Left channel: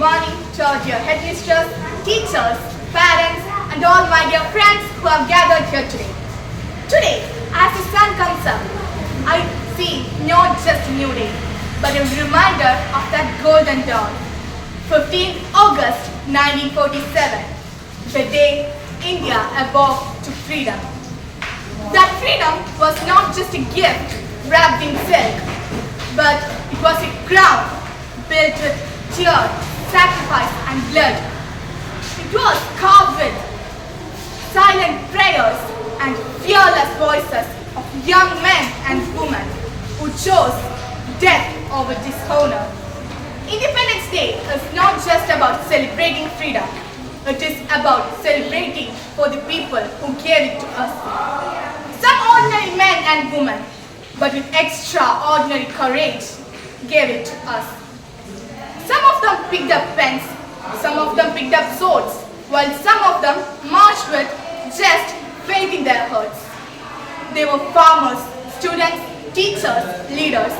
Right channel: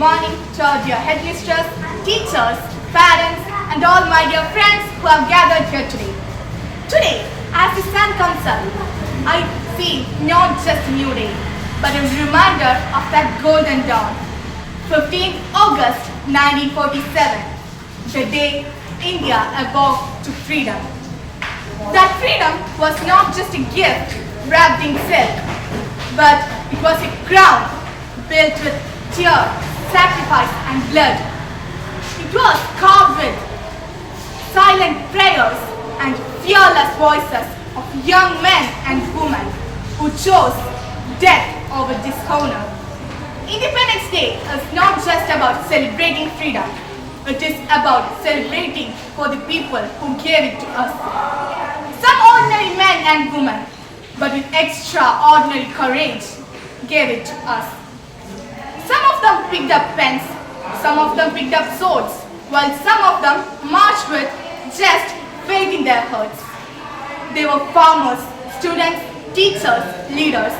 morning to our dear headmistress, teachers, parents, and all my dear friends who have gathered here today. Today, as the sun comes up, I see not just a new day, but a reminder of that golden dawn. 15th August 1947, the day India awoke to freedom. That freedom was not just a gift wrapped in silk, but it was a crown built with tears, sacrifice, and blood. It was carved with silent prayers and fearless voices of young men and women who chose death over dishonor. Independence Day is not just about celebrating freedom. It is about celebrating for the people who gave it to us. Some ordinary men and women, but with extraordinary courage, gave it to us. Some of them picked up pens, some of them picked up swords, while some of them marched with just faith in their hearts. They were farmers, students, teachers, leaders.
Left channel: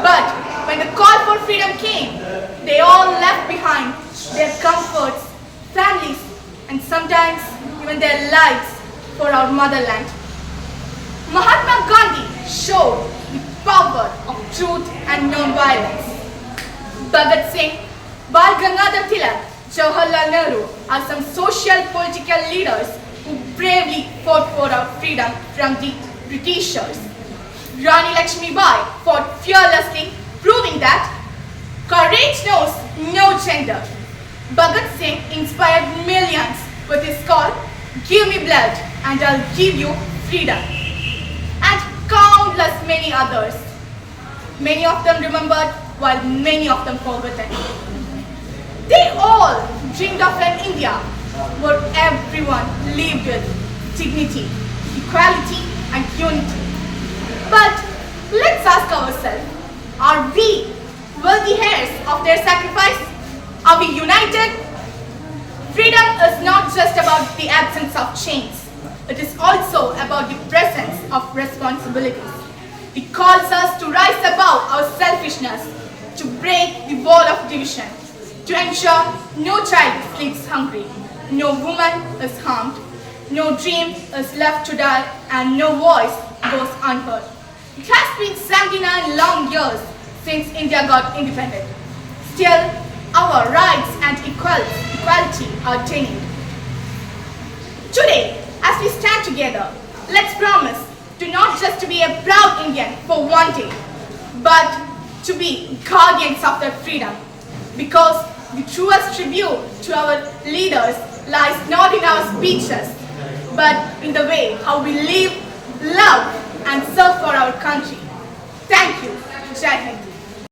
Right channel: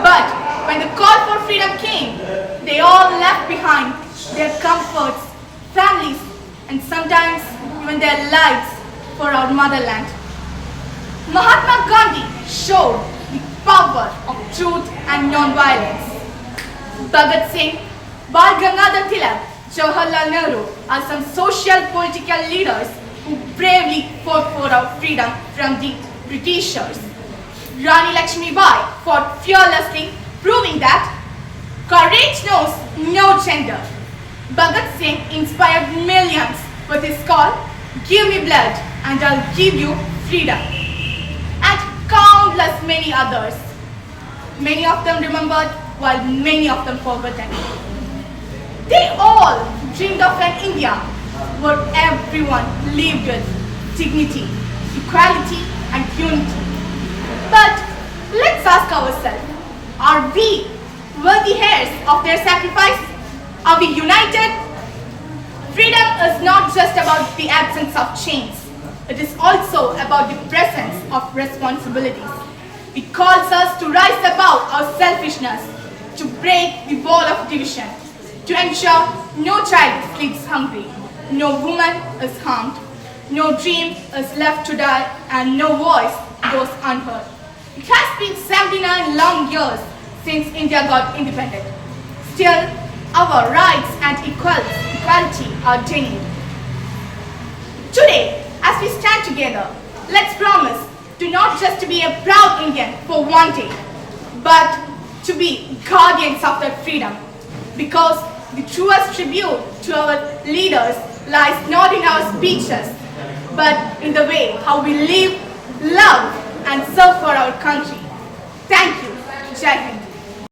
But when the call for freedom came, they all left behind their comforts, families, and sometimes even their lives for our motherland. Mahatma Gandhi showed the power of truth and non-violence. Bhagat Singh, Bal Gangadhar Tilak, Jawaharlal Nehru are some social political leaders who bravely fought for our freedom from the Britishers. Rani Lakshmi Bai fought fearlessly, proving that courage knows no gender. Bhagat Singh inspired millions with his call, "Give me blood and I'll give you freedom." And countless many others. Many of them remembered while many of them forgotten. They all dreamed of an India where everyone lived with dignity, equality, and unity. But let's ask ourselves, are we worthy heirs of their sacrifice? Are we united? Freedom is not just about the absence of chains. It is also about the presence of responsibilities. It calls us to rise above our selfishness, to break the wall of division, to ensure no child sleeps hungry, no woman is harmed, no dream is left to die, and no voice goes unheard. It has been 79 long years since India got independent. Still, our rights and equality are denied. Today, as we stand together, let's promise to not just to be a proud Indian for one day, but to be guardians of that freedom. Because the truest tribute to our leaders lies not in our speeches, but in the way how we live, love, and serve for our country. Thank you. Jai Hind.